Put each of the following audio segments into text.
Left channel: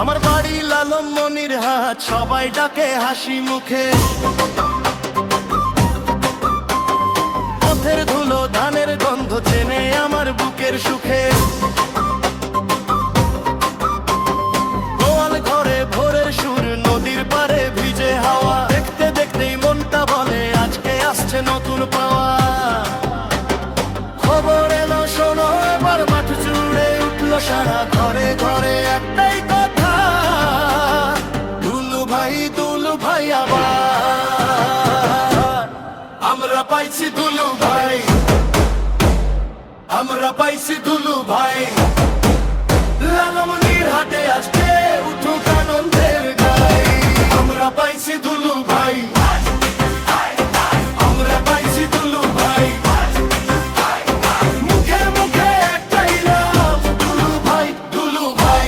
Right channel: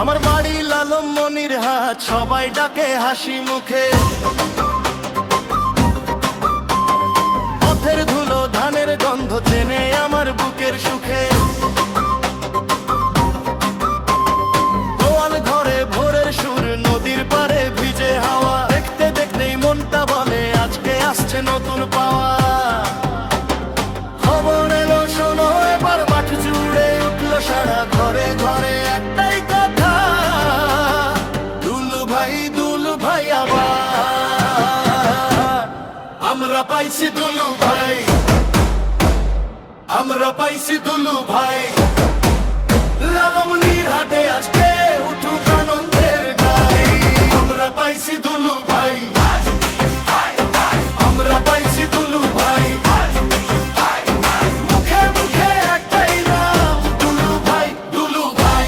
আমার বাড়ি লালম মনির হাট, সবাই ডাকে হাসি মুখে। পথের ধুলো ধানের গন্ধ চেনে আমার বুকের সুখে। গোয়াল ঘরে ভোরের সুর, নদীর পারে ভিজে হাওয়া, দেখতে দেখতেই মনটা বলে আজকে আসছে নতুন পাওয়া। খবর এলো শোনো এবার, মাঠ জুড়ে উঠলো সারা, ঘরে ঘরে একটাই কথা, দুলু ভাই আবার। আমরা পাইছি দুলু ভাই, আমরা পাইছি দুলু ভাই। লালমনির হাটে আজকে উঠুক আনন্দের গাই। আমরা পাইছি দুলু ভাই, আমরা পাইছি দুলু ভাই। মুখে মুখে একটাই নাম, দুলু ভাই, দুলু ভাই।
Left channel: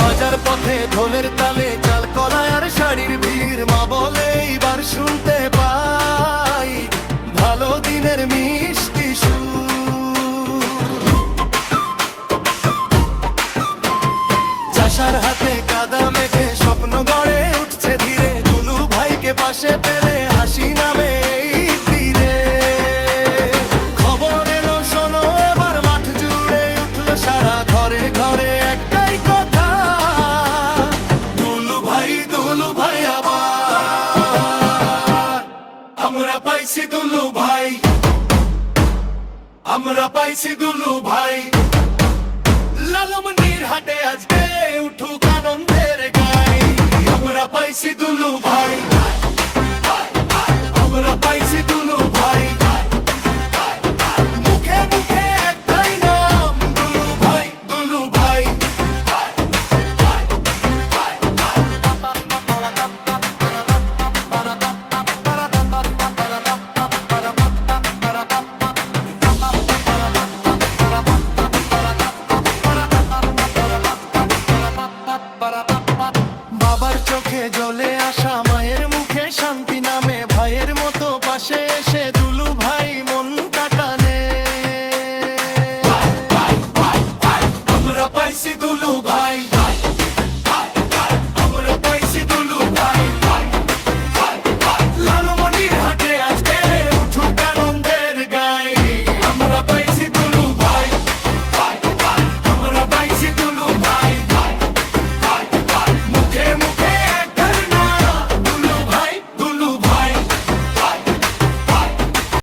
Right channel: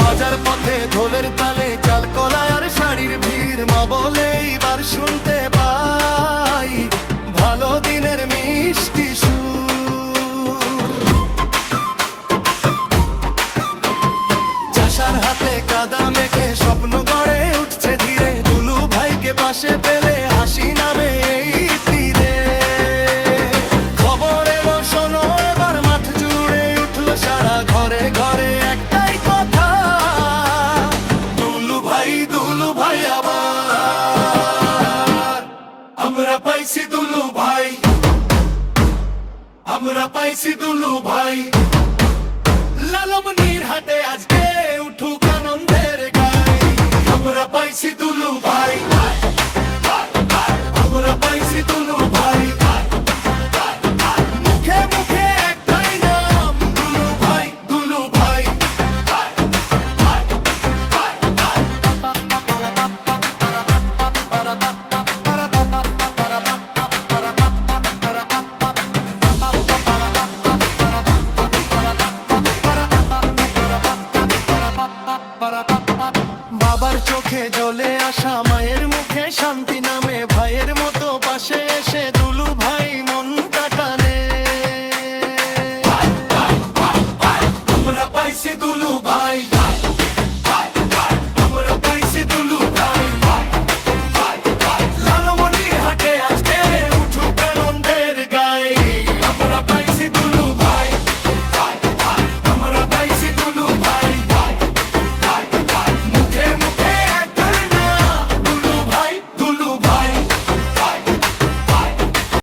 বাজার পথে ঢোলের তালে, চাল কলায় আর শাড়ির ভিড়, মা বলে এইবার শুনতে পাই ভালো দিনের মিষ্টি সুর। চাষার হাতে কাদা মেখে স্বপ্ন গড়ে উঠছে ধীরে, দুলু ভাইকে পাশে পেলে হাসি নামে এই তীরে। খবর এলো শোনো এবার, মাঠ জুড়ে উঠলো সারা, ঘরে ঘরে একটাই কথা, দুলু ভাই আবার। আমরা পাইছি দুলু ভাই, আমরা পাইছি দুলু ভাই। লালমনির হাটে আজকে উঠুক আনন্দের গাই। আমরা পাইছি দুলু ভাই, আমরা পাইছি দুলু ভাই। মুখে মুখে একটাই নাম, দুলু ভাই, দুলু ভাই। বাবার চোখে জ্বলে আসা, মায়ের মুখে শান্তি নামে, ভাইয়ের মতো পাশে এসে দুলু ভাই মন